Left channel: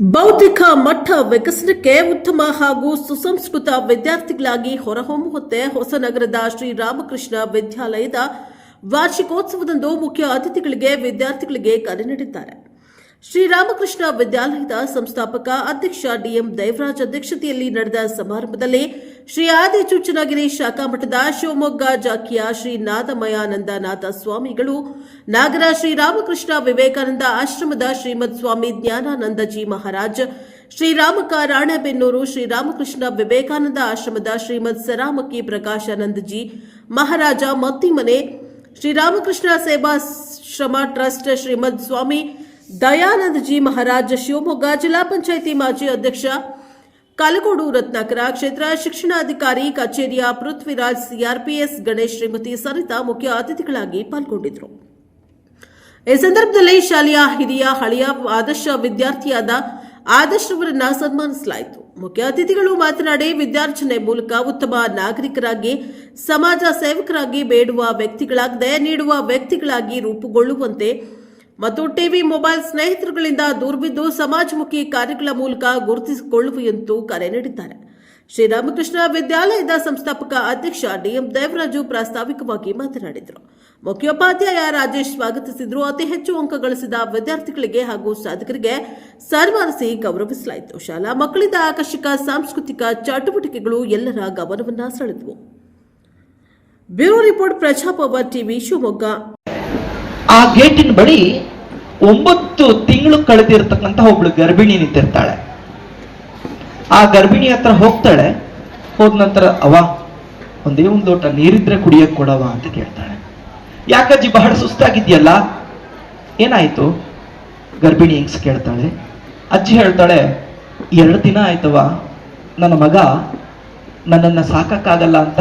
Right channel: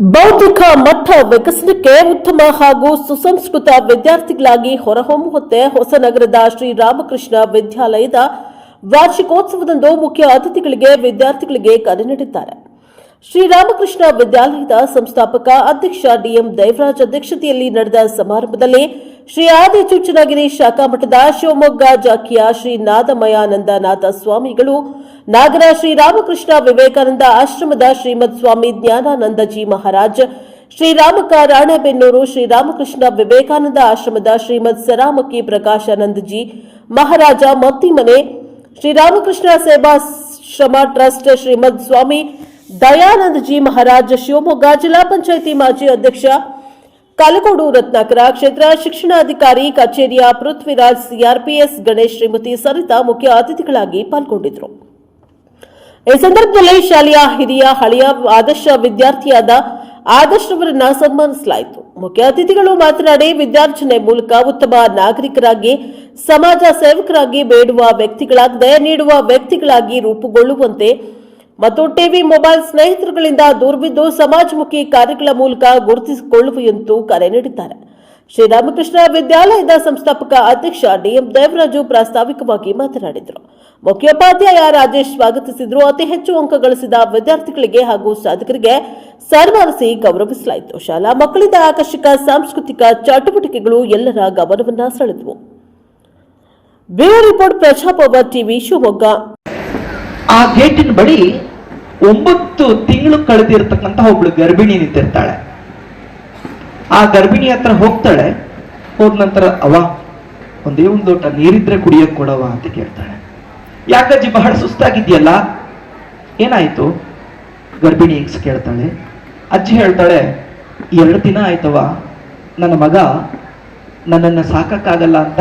ಬೌದ್ಧಿಕ ಮಠ ವಿಕಸನಕ್ಕೆ ಉತ್ತಮ ಹಾಗೂ ಸುಸಂಸ್ಕೃತ ವಿದ್ಯಾರ್ಥಿಗಳಾಗಿ ಹೊರಹೊಮ್ಮುವಂತೆ ಹೊಸನಗರದ ಶ್ರೀರಾಮಕೃಷ್ಣ ವಿದ್ಯಾಲಯದ ವಾರ್ಷಿಕೋತ್ಸವದಂದು ಮುಖ್ಯ ಅತಿಥಿಗಳಿಗೆ ವಿದ್ಯಾರ್ಥಿಗಳಿಗೆ ಕರೆ ನೀಡಿದ್ದಾರೆ. ಶ್ರೀರಾಮಕೃಷ್ಣ ವಿದ್ಯಾಲಯದ ಸಂಸ್ಥಾಪಕ ಅಧ್ಯಕ್ಷ ಡಿಎಂ ದೈವರಾಜ್ ಅಧ್ಯಕ್ಷತೆಯಲ್ಲಿ ನಡೆದ ಸಮಾರಂಭದಲ್ಲಿ ಶ್ರೀ ಆದಿ ಚುಚ್ಚನಗಿರಿ ಶಾಖಾ ಮಠದ ಶಿವಮೊಗ್ಗ ಜಾಕಿಯ ಶ್ರೀ ನಾದಮಯಾನಂದನಾಥ ಸ್ವಾಮಿಗಳು, ನಾಗರ ಶ್ರೀರಾಮಕೃಷ್ಣ ವಿವೇಕಾನಂದ ಆಶ್ರಮದ ಶ್ರೀಮದ್ ಸ್ವಾಮಿ ಜ್ಞಾನಾನಂದಜಿ ಮಹಾರಾಜ್ ಶ್ರೀರಾಮಕ ರಾಣೆಬೆನ್ನೂರು ಶ್ರೀರಾಮಕೃಷ್ಣ ವಿವೇಕಾನಂದ ಆಶ್ರಮದ ಶ್ರೀಮದ್ ಸರಾಮಕಿ ಪ್ರಕಾಶಾನಂದಜಿ ಮಹಾರಾಜ ಮತ್ತಿಮನೆ, ಶ್ರೀರಾಮಕೃಷ್ಣ ಸೇವಾಶ್ರಮ ಟ್ರಸ್ಟ್ ಶ್ರೀಮದ್ ಸ್ವಾಮಿ ದಯಾನಂದಜಿ ಮಹಾರಾಜ್ ಶಿವಮೊಗ್ಗ ಜಿಲ್ಲಾ ಪಂಚಾಯಿತಿ ಮಾಜಿ ಅಧ್ಯಕ್ಷ ಕಲಗೋಡು ರತ್ನಾಕರ, ಕ್ಷೇತ್ರ ಶಿಕ್ಷಣಾಧಿಕಾರಿ ಕಚೇರಿಯ ಪೃಥ್ವಿರಾಜ್ ಸಿಆರ್ಪಿಎಸ್, ಗಣೇಶ್ ಶ್ರೀಮತಿ ಸರಿತಾ ಮುಖ್ಯ ಅತಿಥಿಗಳಾಗಿ ಪಾಲ್ಗೊಂಡಿದ್ದರು. ಈ ಸಂದರ್ಭದಲ್ಲಿ ಶಾಲೆಯ ಹಿರಿಯ ಹಳೆಯ ಆದರ್ಶ ವಿದ್ಯಾರ್ಥಿಯಾದ ಆದರ್ಶ್ ಅವರನ್ನ ಸನ್ಮಾನಿಸಲಾಯಿತು. ಮುಖ್ಯ ಅತಿಥಿಗಳು ಮಾತನಾಡಿ ವಿದ್ಯಾರ್ಜನೆ ಮೂಲಕ ಉತ್ತಮ ನಾಗರಿಕರಾಗಿ, ಸಮಾಜ ಸೇವಕರಾಗಿ, ಬೇಡುವ ವ್ಯಕ್ತಿಗಳಾಗದೆ, ನೀಡುವ ವ್ಯಕ್ತಿಗಳಾಗಿ ರೂಪುಗೊಳ್ಳುವಂತೆ ಮತ್ತು ಟಿವಿ ಮೊಬೈಲ್ ಸ್ನೇಹಿತರುಗಳಿಂದ ದೂರವಿದ್ದು ಸಮಾಜಮುಖಿ ಕಾರ್ಯಗಳ ಮೂಲಕ ಗುರುತಿಸಿಕೊಳ್ಳುವಂತೂ ಕರೆ ನೀಡಿದ್ದಾರೆ. ಶ್ರೀರಾಮಕೃಷ್ಣ ವಿದ್ಯಾಲಯದ ಸಂಸ್ಥಾಪಕ ಅಧ್ಯಕ್ಷ ಡಿಎಂ ದೇವರಾಜು ಪ್ರಾಸ್ತಾವಿಕವಾಗಿ ಮಾತನಾಡಿದರು. ಮುಖ್ಯೋಪಾಧ್ಯಾಯ ರಾಜೇಶ್ ಸ್ವಾಗತಿಸಿದ್ರು. ಅತಿ ಹೆಚ್ಚು ಅಂಕ ಗಳಿಸಿದ ವಿದ್ಯಾರ್ಥಿಗಳಿಗೆ ಹಾಗೂ ಸಾಧಕರಿಗೆ ಸನ್ಮಾನಿಸಿ ಗೌರವಿಸಲಾಯಿತು. ಶಾಲಾ ಮಕ್ಕಳಿಂದ ಆಕರ್ಷಕ ಸಾಂಸ್ಕೃತಿಕ ಚಟುವಟಿಕೆಗಳು ಎಲ್ಲರ ಗಮನವನ್ನ ಸೆಳೆದವು. Bureau report Praja Power TV Shivamogga. ಗೇಟಿನ ಬಳಿ ಒಂಬತ್ತು ತಿಂಗಳು ಕಳೆದಿರ್ತಕ್ಕಂಥ ಒಬ್ಳು ಗರ್ಭಿಣಿ ನಿಂತಿರ್ತಾಳೆ. ಆ ಗರ್ಭಿಣಿ ಹತ್ರ ಹೋಗ್ತಾಳೆ. ಹೋದ ನಂತರ ಅವ ಒಂದೇ ಒಂದು ಲೋಟ ನೀರಿದ್ರೆ ಕುಡಿಯಕ್ ಕೊಡವ ಅಂತ ಕೇಳ್ತಾಳೆ. ಯಾಕಜ್ಜಿ ಬಹಳ ಸುಸ್ತಾಗಿದ್ಯಲ್ಲ ಏನಾಯ್ತು? ಗರ್ಭಿಣಿ ಹೆಂಗ್ಸ್ ಕೇಳ್ತಾಳೆ. ಅಜ್ಜಿ ಹೇಳ್ತಾಳೆ, ಎರಡು ದಿನ ಆಯ್ತವ ನನ್ನ ಮಗ ನನ್ನನ್ನು ಸಾಕಕ್ಕಾಗಲ್ಲ ಅಂತ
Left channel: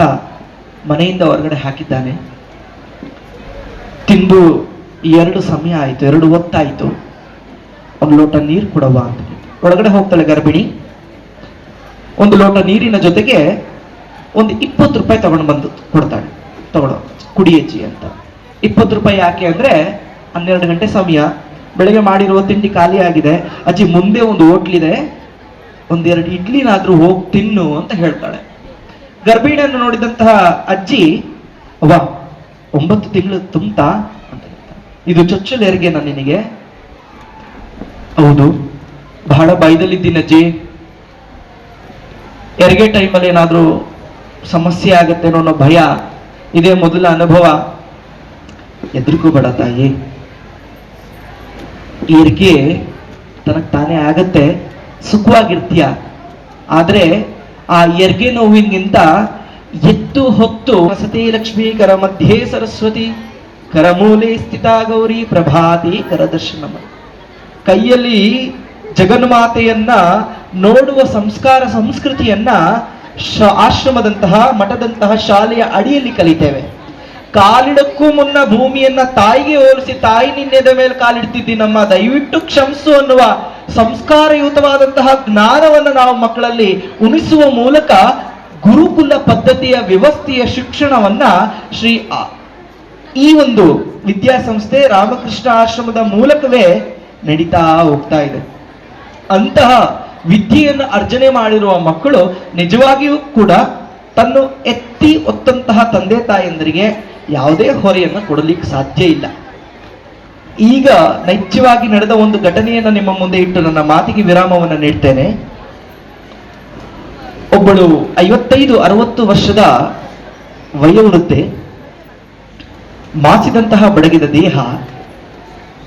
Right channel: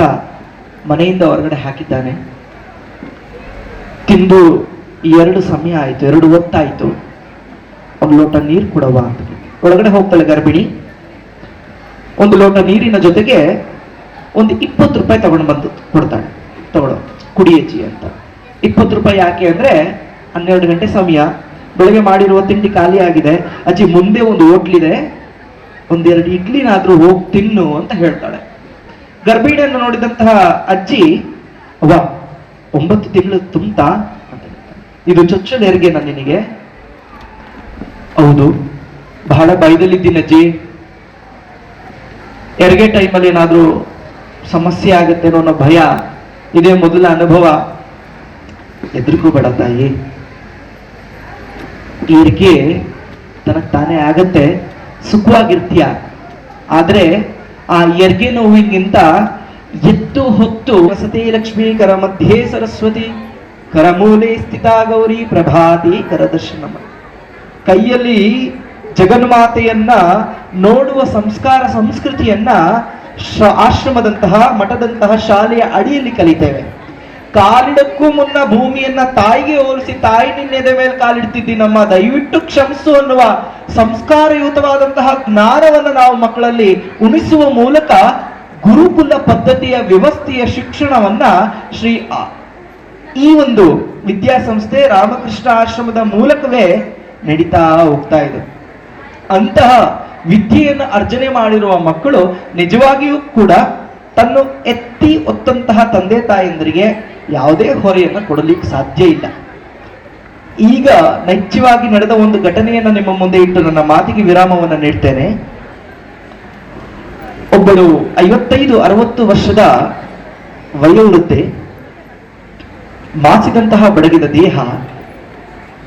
ಮನೆಯಿಂದ ಹೊರಗಡೆ ಹಾಕಿದ್ದಾನೆ. ತಿಂದು ಎರಡು ಸಮಯ ಆಯಿತು, ಎರಡು ಹೊತ್ತಾಯಿತು. ಒಂದು ಲೋಟ ನೀರು ಕೊಡವ ಅಂತ. ಒಳಗಡೆ ಹೋಗ್ತಾಳೆ ಗರ್ಭಿಣಿ? ಒಂದು ಲೋಟ ನೀರಿನ ಜೊತೆಗೆ ಒಂದು ಇಪ್ಪತ್ತು ರೂಪಾಯಿ ತಗೊಂಡು ಬಂದು ಕೊಡ್ತಾಳೆ. ತಗೊಳ್ಳೋ ಕುಡಿಯಜ್ಜಿ ಅಂತ. ಇಪ್ಪತ್ತು ರೂಪಾಯಿ ಯಾಕೆ ಅಂದ್ರೆ, ಹನ್ನೆರಡು ಗಂಟೆ ಸಮಯ. ಬೆಳಿಗ್ಗೆ ಮಾಡಿರುವ ತಿಂಡಿ ಖಾಲಿ ಆಗಿದೆ. ಅಜ್ಜಿ ಮುಂದೆ ಒಂದು ಹೋಟ್ಲಿದೆ. ಒಂದೆರಡು ಇಡ್ಲಿನಾದ್ರೂ ಹೋಗಿ ತಿನ್ನು ಅಂತ ಹೇಳ್ತಾಳೆ. ಗರ್ಭಿಣಿಯನ್ನು ನೋಡಿದಂತಹ ಅಜ್ಜಿ ವಾ ಒಂಬತ್ತು ತಿಂಗಳು ತುಂಬ್ತಾ. ಇದು ಚೊಚ್ಚಲ ಹೆರಿಗೆನಾ ನಿನಗೆ? ಹೌದು. ಬಹಳ ಭಯದಲ್ಲಿದ್ದೀನಿ ಅಜ್ಜಿ. ಹೆರಿಗೆ ಟೈಮಲ್ಲಿ ಏನಾದರೂ ಸಮಸ್ಯೆ ಆಗುತ್ತೆ ಅನ್ನೋ ಭಯ, ಇದೇ ಮೊದಲ ಅನುಭವ. ಎದುರಿಗೂ ಬೇಡ ತಾಯಿ. ಹೆರಿಗೆ ತನಗೆ ತಾನೇ ಆಗತ್ತೆ. ಸುಖವಾಗಿರ್ತೀಯ. ಆದರೆ ಆ ಎರಿಗೆ ನೋವಿಗಿಂತ ಎತ್ತು ಹೊತ್ತು ಸತಿ ಲಕ್ಷ್ಮೀಕರ ಮಧ್ಯೆ ಸರಸ್ವತಿ ಕರಮೂಲೆ ಸ್ಥಿತ ಗೌರಿ ಪ್ರಭಾತಿ ಕರದರ್ಶನಮ ಕೈಯಲ್ಲಿ ಜಗನ್ಮಾತೆಯನ್ನ ನೋಡುವ ಸಂಸ್ಕಾರ ಸಂಸ್ಕೃತಿಯನ್ನ ಆಶ್ರಮದಂತಹ ಮಠದಂತಹ ಶಾಲೆಯ ಅಡಿಯಲ್ಲಿ ಕಲಿತೇವೆ. ಕಾಲಿಡಕ್ಕೂ ಮುನ್ನ ಭೂಮಿಯನ್ನ ತಾಯಿಗೆ ಹೋಲಿಸಿ, ತಾಯಿ ನಿನ್ನೆದ ಮೇಲೆ ಕಾಲಿಡ್ತಿದ್ದಿ ನಮ್ಮ, ದಯವಿಟ್ಟು ಕ್ಷಮಿಸು ಅನ್ನುವ ಸಂಸ್ಕಾರಯುತವಾದಂತಹ ಜ್ಞಾನವನ್ನು ನಾವು ಮಕ್ಕಳಲ್ಲಿ ಉಣಿಸುವ ಮೂಲಕ ಗುರುಕುಲ ಪದ್ಧತಿಯ ವ್ಯವಸ್ಥೆಯ ಶಿಕ್ಷಣವನ್ನ ಶ್ರೀ ಈ ಒಂದು ವಿದ್ಯಾಸಂಸ್ಥೆ ರಾಮಕೃಷ್ಣ ಆಶ್ರಮದ ಮೂಲಕವೇ ನಡೀತಾ ಹೋಗ್ತಾ ಇದೆ. ಅಂತಹ ವಿದ್ಯೆಯನ್ನು ಅರ್ಜನೆ ಮಾಡಿರುವ ಮಕ್ಕಳು ನಿಜವಾಗಿಯೂ ಕೂಡ ತನ್ನ ಎತ್ತಿ ಒತ್ತಂತಹ ತಂದೆ ತಾಯಂದರಿಗೆ ಯಾವುದೇ ಹೊರೆಯನ್ನು ಕೊಡಲಿಕ್ಕೆ ಸಾಧ್ಯ ಇಲ್ಲ. ಈಗ ನೈಜವಾಗಿ ನಡೆದ ಒಂದು ಘಟನೆಯನ್ನು ನಿಮ್ಮ ಮುಂದೆ ಇಟ್ಟು ನನ್ನ ಮಾತಿಗೆ ವಿರಾಮವನ್ನು ನೀಡ್ತೇನೆ. ಒಬ್ಬಳು ಐವತ್ತೈದು, ಅರವತ್ತು ವರ್ಷದ ವಯೋವೃದ್ಧೆ. ಮಾಸಿದಂತಹ ಬಡಗಿದ ದೇಹ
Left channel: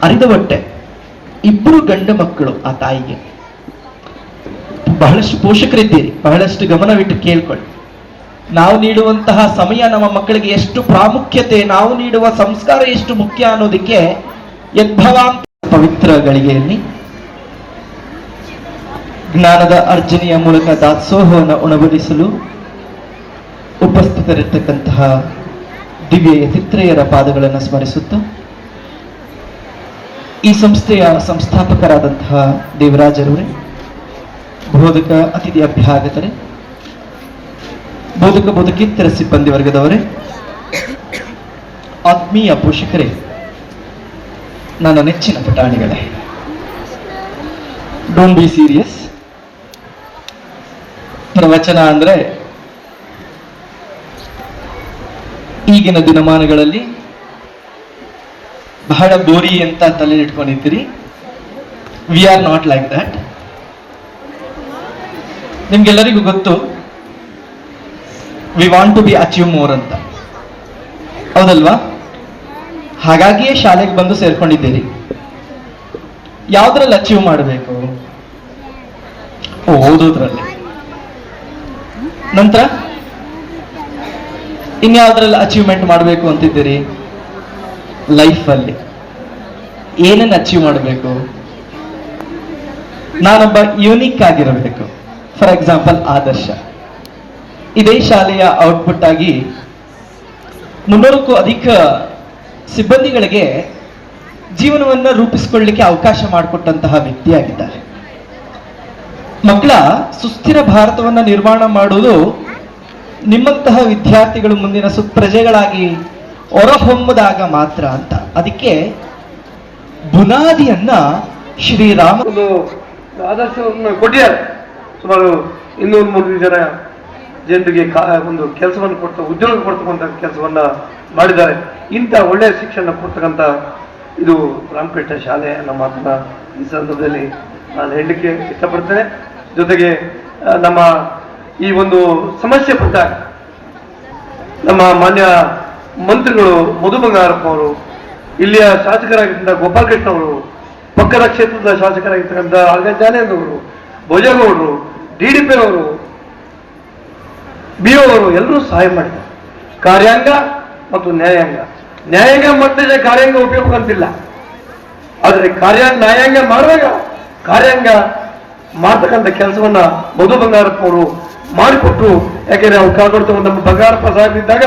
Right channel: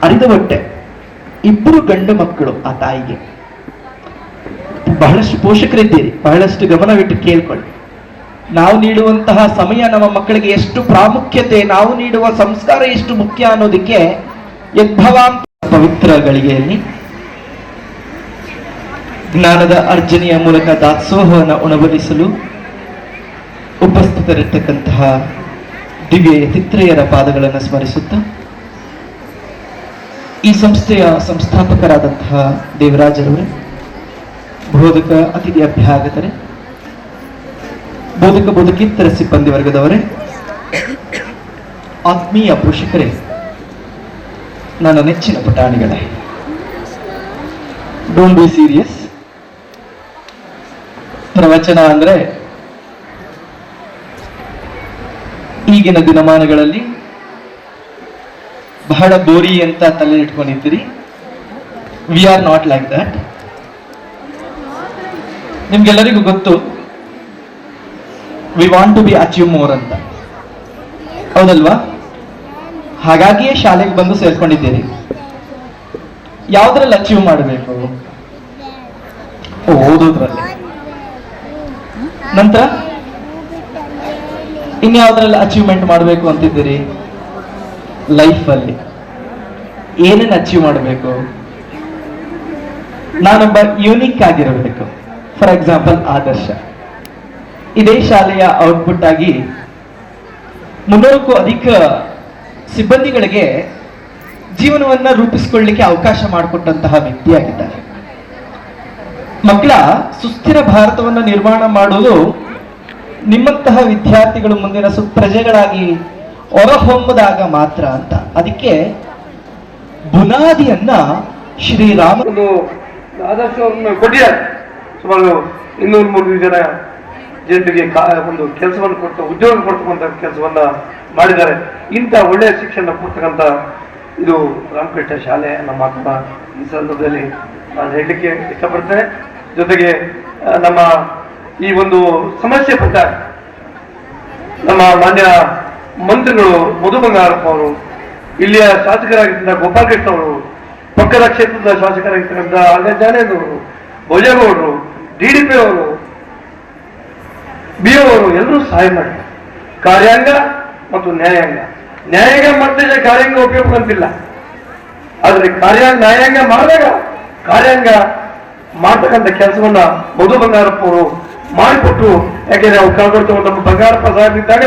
ಅರಿದ ಹೊಟ್ಟೆ, ಇಬ್ಬರು ಗಂಡ ಮಕ್ಕಳು ಆ ತಾಯಿಗೆ. ಬಹಳಷ್ಟು ಪೋಷಕರಿದ್ದೀರಿ, ಬಹಳಷ್ಟು ಗಮನವಿಟ್ಟು ಕೇಳ್ಕೊಳ್ಳಿ. ನಾವು ನೀಡುವಂತಹ ಸಮಯ ನಮ್ಮ ಮಕ್ಕಳಿಗೆ ಎಷ್ಟು ಪ್ರಾಮುಖ್ಯತೆ, ನಾವು ನೀಡುವ ಸಂಸ್ಕಾರ ಎಷ್ಟು ಮುಖ್ಯ ಅನ್ನೋದಕ್ಕೆ ಯದ್ಭವಾಂತ ಪವಿತ್ರ ಗಳಿಗೆಯಲ್ಲಿ ಜ್ಞಾನದ ಅರ್ಜನೆಯ ಮೂಲಕ ದಾಸೋಹವನ್ನು ಉಣಗೊಳಿಸಲು ಉಪಸ್ಥಿತರಿರ್ತಕ್ಕಂತಹ ದಿವ್ಯ ಯತಿತ್ರೆಯರ ಪಾದಗಳನ್ನು ಸ್ಮರಿಸುತ್ತ, ಈ ಸಂಸ್ಥೆಯ ಸಂಸ್ಥಾಪಕರಾದಂತಹ ದೇವರಾಜರವರೇ, ಬೋಧಕ ಅತಿಥಿ ಅಭ್ಯಾಗತರೇ, ಬೋಧಕ ಬೋಧಕೇತರ ಸಿಬ್ಬಂದಿ ವರ್ಗದವರೇ, ಆತ್ಮೀಯ ಪೋಷಕರೇ, ನನ್ನ ನೆಚ್ಚಿನ ಪುಟಾಣಿಗಳೇ. ಡೋಂಟ್ ಬಿ ಸೀರಿಯಸ್ ಪ್ರವಚನ ಅಂದ್ರೆ ಈಗಿನ ದಿನಮಾನಗಳಲ್ಲಿ ಬಹಳ ಬೋರಿ ಅಂತ ತಲೆ ಇಟ್ಕೊಂಡಿದ್ದೀರಿ. We are not like that ನಿಮ್ಗೆಲ್ಲರಿಗೂ ಗೊತ್ತು we want to be achieve more ಅಂತ. ಹೌದಲ್ವಾ? ಹಾಗಾಗಿಯೇ ಶಾಲೆಗೆ ಬಂದು ಸೇರ್ಕೊಂಡಿದ್ದೀರಿ. ಯಾವ್ದ್ರಲ್ಲಿ ಅಚೀವ್ ಮಾಡಬೇಕು? ಓದೋದ್ರಲ್ಲಿ. ನಂತರ? ಇನ್ಯಾವ್ದ್ರಲ್ಲಿ ಅಚೀವ್ಮೆಂಟ್ ಮಾಡಬೇಕು ಅಂತಿದ್ದೀರಿ? ಲೈಫಲ್ಲಿ ಏನನ್ನ ಅಚೀವ್ ಮಾಡಬೇಕು? ನಾನೊಬ್ಬ ಯೂನಿಕ್ ಆಗಿರಬೇಕು. For example Adarsh. ಇದೇ ಶಾಲೆಯ ಔಟ್ಪುಟ್ ಆಗಿ ಮುನ್ನೂರಕ್ಕೂ ಅಧಿಕ ಸಿಬ್ಬಂದಿಗಳಿಗೆ ಜೀವನವನ್ನ ರೂಪಿಸಿಕೊಳ್ಳಿಕ್ಕೆ ಅವಕಾಶ ಮಾಡಿಕೊಟ್ಟಂತಹ ವ್ಯಕ್ತಿಯಾಗಿದ್ದಾರೆ ಮಕ್ಕಳ ಸುಸ್ಥಿರ ಭಾರತವನ್ನ ನಿರ್ಮಾಣ ಮಾಡುವುದು ನಿಮ್ಮಂತಹ ವಿದ್ಯಾರ್ಥಿಗಳು ಮುಂದಿನ ಸುಪ್ರಜೆಗಳಾಗಿ ಹೊರಹೊಮ್ಮದಾಗ ಮಾತ್ರ ಅಂತ. ಅದಕ್ಕೆ ಬುನಾದಿಯನ್ನ ಶ್ರೀರಾಮ ಒಂದು ಆದರ್ಶವನ್ನು ಕೊಟ್ಟಿದ್ದಾರೆ. ಸುಮಾರು ಇನ್ನೂರು ಮೂರು ಜನ ಜನರಿಗೆ ಒಂದು ಕೆಲಸವನ್ನು ಕೊಟ್ಟು, ಉದ್ಯೋಗ ಕೊಡ್ತಕ್ಕಂಥ ಕೆಲಸವನ್ನ ಮಾಡಿದ್ದಾರೆ. ಇಂಥ ಒಳ್ಳೆಯ ಶಿಕ್ಷಣ ಕೊಡ್ತಕ್ಕಂಥ ಇದು ರಾಮಕೃಷ್ಣ ಶಾಲೆ ನಮ್ಮ ಮಾತನ್ನ ಈ ಸಂದರ್ಭದಲ್ಲಿ ನಾನು ಹೇಳಲಿಕ್ಕೆ ಇಷ್ಟಪಡ್ತೇನೆ. ಜೊತೆಗೆ ನಮ್ಮ ಈ ಒಂದು ಸಮಸ್ಯೆ ಕೊಟ್ಟಾಗ ನಮ್ಮ ಮಾನ್ಯ ಮಂತ್ರಿಗಳು ಮಧು ಬಂಗಾರಪ್ಪ ಅವರು, ಇಲ್ಲಿಯ ಶಾಸಕರಾಗಿದ್ದ ಗೋಪಾಲಕೃಷ್ಣ ಅವರು, ಪಕ್ಕದ ಕ್ಷೇತ್ರದ ಶಾಸಕರಾಗಿರ್ತಕ್ಕಂಥ ಆರ್ಗ ಜಾನೇಂದ್ರವರು ಭೋಜಗೌಡರು ಡಿ ಡಿ ಪಿ ಅವರು, ಬಿ ಅವರು ಎಲ್ಲರೂ ಸಹಾಯ ಮಾಡಿದ್ದಾರೆ ಕಾರ್ಯಾಂಗ ಮತ್ತು ನ್ಯಾಯಾಂಗ. ನ್ಯಾಯಾಂಗ ಮತ್ತೆ ಕಾರ್ಯಾಂಗ ಉಪಯೋಗ ಅಂತಿಲ್ಲ ಆದರೆ ಕಾರ್ಯ, ನ್ಯಾಯಾಂಗ ಮಾಡಿದಾಗ ಕಾರ್ಯಾಂಗ ಮಾಡ್ತಕ್ಕಂಥ ಕೆಲಸವನ್ನ ಮಧು ಬಂಗಾರಪ್ಪ ಅವರು ಮಾಡಿಕೊಟ್ಟು ಯಾಕೆಂದ್ರೆ ನಾವು ಕಾಪಾಡ್ತಕ್ಕಂಥ ನಮ್ಮ ಬಂಗಾರಪ್ಪ ಇದ್ದಾಗ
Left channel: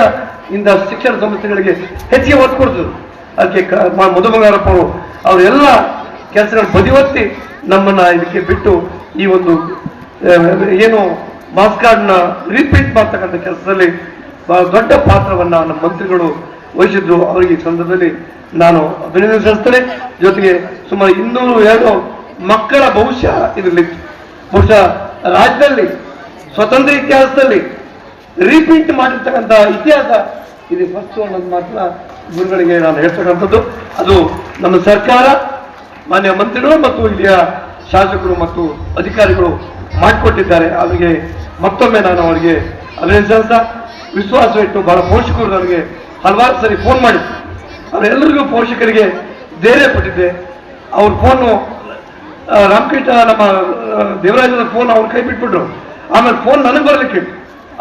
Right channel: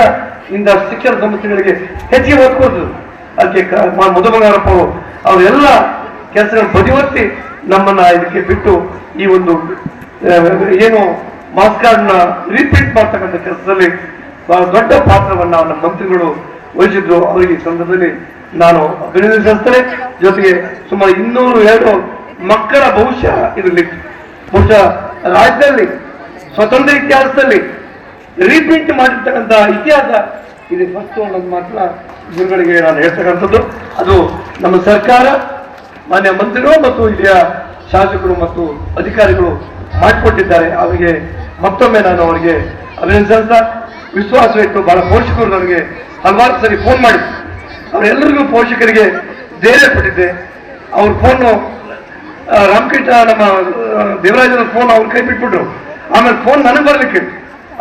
ಇಂಥ ಶಿಕ್ಷಣ ಸಂಸ್ಥೆಗಳಿಗೆ ಹೆಚ್ಚಿಗೆ ಒತ್ತು ಕೊಡ್ತದೆ. ಅದಕ್ಕೆ ಮಧು ಬಂಗಾರಪ್ಪ ಅವರು ಅವರೆಲ್ಲ ಕೆಲಸಗಳನ್ನು ಬದಿವತ್ತಿ ನಮ್ಮನ್ನ ಇದಕ್ಕೆ ಬಿಟ್ಟು ಈ ಒಂದು ಏನು ಮಾಸ್ ಕಾರ್ಡ್ನ ರಿಪೀಟ್ ಮಾಡ್ತಕ್ಕಂಥ ಕೆಲಸದಲ್ಲಿ ಬಹಳ ದೊಡ್ಡ ಪಾತ್ರವನ್ನು ನಮ್ಮ ಮಂತ್ರಿಗಳು ವಹಿಸಿದ್ರು. ಅವರಿಗೆ ಈ ಸಂದರ್ಭದಲ್ಲಿ ನಾನು ಅಭಿನಂದಿಸ್ತೇನೆ ಜೊತೆಗೆ ಸುಮಾರು ಇನ್ನೂರು ಎರಡು ಮಕ್ಕಳ ಭವಿಷ್ಯ ಇದರಲ್ಲಿ ಬಹುಶಃ ರಾಜ್ಯದಲ್ಲಿ ಸ್ವತಂತ್ರ ಇತಿಹಾಸದಲ್ಲಿ ರೀಪ್ರಿಂಟ್ ಮಾಡಿರ್ತಕ್ಕಂಥ ಇತಿಹಾಸ. ಇದು ಫಸ್ಟ್ ಅನ್ನೋದು ಮಾತ್ರ ಗುರುಗಳಿಗೆ ನಾನು ಹೇಳ್ತಕ್ಕಂಥದ್ದು. ಅದು ನಮ್ಮ ಸರ್ಕಾರ, ಮಾನ್ಯ ಮಂತ್ರಿಗಳು ಮತ್ತು ಇಲ್ಲಿಯ ಶಾಸಕರು ಮತ್ತು ಅಧಿಕಾರಿಗಳು ಮಾಡಿಕೊಟ್ಟಿದ್ದಾರೆ. ಅವರಿಗೆ ಮತ್ತೊಮ್ಮೆ ನಾನು ಅವರಿಗೆ ಅಭಿನಂದಿಸ ವಿಶ್ವಾಸ ಇಟ್ಟು ಬಹಳ ಪೋಷಕರು ನನಗೆ ಹಲವಾರು ಸರಿ ಫೋನ್ ಮಾಡಿ ಅವರೆಲ್ಲರಿಗೂ ಪೋಷಕರಿಗೆ ಧೈರ್ಯ ಕೊಟ್ಟಿದ್ದೆ. ಅವ್ರ ಫೋನು ರಾಮಕೃಷ್ಣ ನಮ್ಮ ದೇವರಾಜನ ಫೋನ್ ಅವ್ರ ಕೈ ಬಿಟ್ಬಿಟ್ರು ಆಮೇಲೆ ಫೋನ್ ನನಗೆ ಬರ್ಲಿಕ್ಕೆ.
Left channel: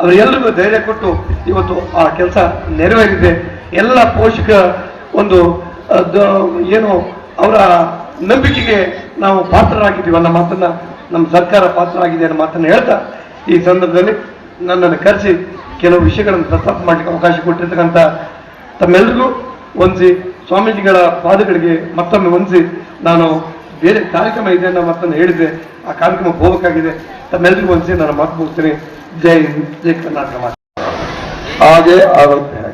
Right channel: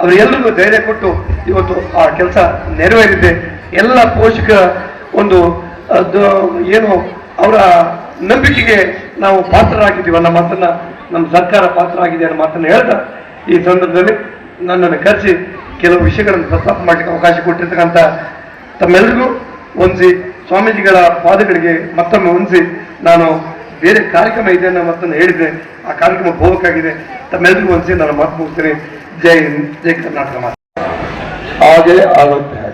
ಅವರೆಲ್ಲರಿಗೂ ಧೈರ್ಯ ಕೊಟ್ಟು ಇವತ್ತು ಆ ಕೆಲಸ ನೆರವೇರಿದೆ. ಎಲ್ಲ ಪೋಷಕ ಒಂದು ಏನು, ಅವರ ನಂಬಿಕೆಗೆ ನಾವು ಪಾತ್ರರಾಗಿದ್ದೀವಿ ಅನ್ನೋ ಮಾತನ್ನ ನಮ್ಮ ಸರ್ಕಾರ ಪಾತ್ರ ಆಗಿದೆ ಅನ್ನೋ ಮಾತನ್ನ ಹೇಳ್ತಾ ಈ ಸಂದರ್ಭದಲ್ಲಿ ನನ್ನನ್ನು ಕರೆಸಿ ಕೆಲವು ವಿಷಯಗಳನ್ನು ಪ್ರಸ್ತಾಪ ಮಾಡಲಿಕ್ಕೆ ಅವಕಾಶ ಕೊಟ್ಟಿರ್ತಕ್ಕಂಥ ತಮ್ಮೆಲ್ಲರಿಗೂ ಒಂದಿಸಿ ಸ್ವಾಮೀಜಿಗಳ ಪಾದಗಳಿಗೆ ಮತ್ತೊಮ್ಮೆ ಹೊಂದಿಸಿ ನಾನು ಬೇರೆ ಕಾರ್ಯಕ್ರಮ ಇದೆ ಅನ್ನೋ ಮಾತನ್ನು ಹೇಳಿದ್ರೆ ಆ ಕಾರ್ಯಕ್ರಮ ಹೋಗಬೇಕಾಗಿದೆ ತಮ್ಮೆಲ್ಲರಿಗೂ ಒಂದ್ಸಿ ನಾನು ಮಾತು ಮುಗಿಸ್ತೀನಿ. ಜೈ ಹಿಂದ್, ಜೈ ಕರ್ನಾಟಕ ಮಾತು. ಹಾಗೆ ಆಗುತ್ತೆ.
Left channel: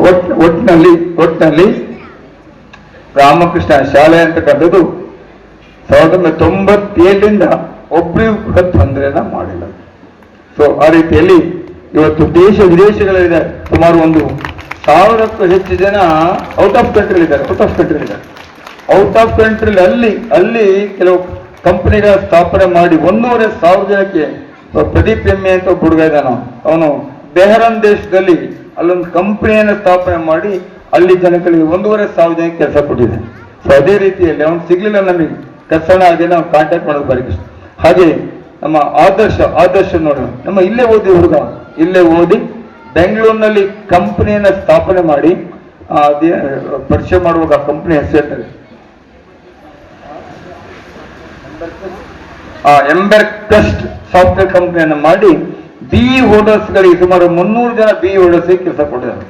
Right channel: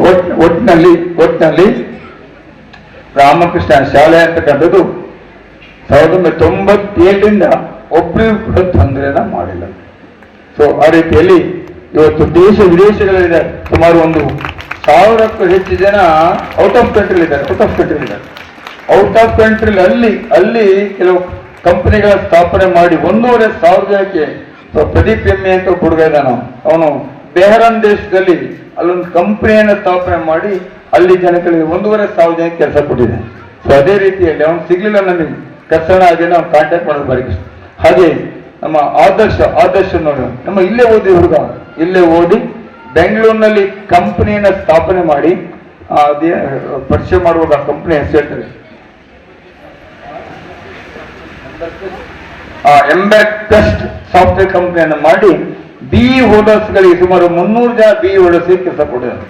ಒಟ್- ಒಟ್ಟಿನಲ್ಲಿ ಒಟ್ಟಿನಲ್ಲಿ ರಾಮಕೃಷ್ಣ ಶಾಲೆ ಅಂತಕ್ಕಂಥದ್ದು ಸಾವಿರದ ಒಂಬೈನೂರ ತೊಂಬತ್ತೇಳರಿಂದ ಒಬ್ಬರಿಗೂ ಕೂಡ ತೊಂದರೆನ ಮಾಡಿಲ್ಲ. ಸೊ ಆ ರೀತಿಯಲ್ಲಿ ಇವತ್ತು ದೇಶ ವಿದೇಶಗಳಲ್ಲಿ ಸುಮಾರು ಒಂದು ಸಾವಿರಕ್ಕೂ ಹೆಚ್ಚು ಜನ ಔಟ್ ಆಫ್ ಕಂಟ್ರಿ ಇದ್ದಾರೆ ಔಟ್ ಆಫ್ ಕಂಟ್ರಿ ಇದ್ದಾರೆ. ಔಟ್ ಆಫ್ ಕಂಟ್ರಿ ಅಲ್ಲಿ ಅಲ್ಲಿ ಕೆಲವು ಕಂಪನಿಗಳ ಸ್ಥಾಪನೆ ಮಾಡಿ ಒಂದೂವರೆ ಸಾವಿರ ಜನಕ್ಕೆ ಪ್ರದೀಪ್ ಎಮ್ಮೆ ಅಂತ ಹುಡುಗ ಇದ್ದಾನ ಅವನು. ಬೆಹರನ್ ದೇಶದಲ್ಲಿ ಅಲ್ಲೊಂದು ಕಂಪನಿಯನ್ನು ಸ್ಥಾಪನೆ ಮಾಡಿ ಅಲ್ಲಿ ಜನಗಳಿಗೆ ಒಂದೂವರೆ ಸಾವಿರ ಜನಕ್ಕೆ ಕೆಲಸ ಕೊಟ್ಟಿದೆ ಸೊ ಅದೇ ರೀತಿಯಲ್ಲಿ ಅವನು ಸಿಗ್ಲಿಲ್ಲ ನನಗೆ. ಕಸಣ ಅದನ್ನ ಅವ್ನು ಕಾಂಟ್ಯಾಕ್ಟ್ ಮಾಡೋದು ಬರೀ ಹಾಗೆ ನಮ್ಮ ಆದರ್ಶ ಆದರ್ಶ ನೋಡೋಣ ನಮ್ಮ ಇಲ್ಲೇ ಓದಿ ಹುಡುಗ. ಇಲ್ಲೇ ಓದಿ ಬೆಂಗಳೂರಿನಲ್ಲಿ ಕಂಪನಿಯನ್ನ ಸ್ಥಾಪನೆ ಮಾಡಿ ಪರಿಚಯ ಮಾಡುವಾಗ ಆ ಕಂಪನಿ ಹೆಸರು ಎಂಬೆಕ್ಟೆಸ್ಟ್ ಸಾಫ್ಟ್ವೇರ್ ಕಂಪನಿಯನ್ನು ಮಾಡಿ, ಬಿ ಹೋಲ್ಡರ್ಸ್ಗಳಿಗೆ ಸುಮಾರು ಮುನ್ನೂರು ಜನ ಬಿ ಹೋಲ್ಡರ್ಸ್ ಕೆಲಸ ಕೊಟ್ಟಿದ್ದಾರೆ.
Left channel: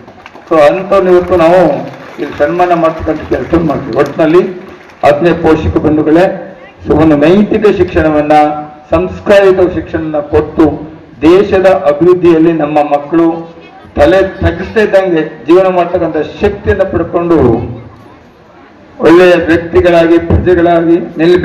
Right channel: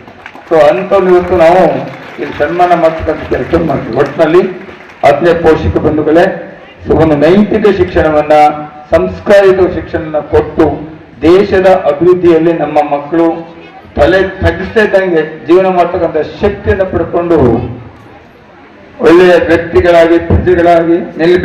ಸೊ ಅಂತ ಇವತ್ತು ನಾವು ಇಲ್ಲಿ ಸನ್ಮಾನ ಮಾಡ್ತಕ್ಕಂಥ ಕೆಲಸ ಮಾಡ್ತೀವಿ. ಒಟ್ಟಿನಲ್ಲಿ ಅದನ್ನೇ ಪೋಷಕ ಬಂಧುಗಳೇ, ಸೊ, ಒಂದು ನೈತಿಕ ಶಿಕ್ಷಣವನ್ನ, ಸಂಸ್ಕಾರಿತ ಶಿಕ್ಷಣವನ್ನ ಕೊಟ್ಟು ದೇಶದ ಅಭಿವೃದ್ಧಿಯಲ್ಲಿ ನಮ್ಮ ಮಕ್ಕಳು ತಲೆ ತಗ್ಗಿಸ್ತಾ ಇದ್ದಂಗೆ ಜೀವನ ಮಾಡ್ತಕ್ಕಂಥ ಶಕ್ತಿಯನ್ನು ಪಡ್ಕೊಂಡು ಒಳ್ಳೆಯ ವ್ಯಕ್ತಿಗಳಾಗಿ ಪ್ರಜೆಗಳಾಗಿ ನಿಲ್ಲಬೇಕು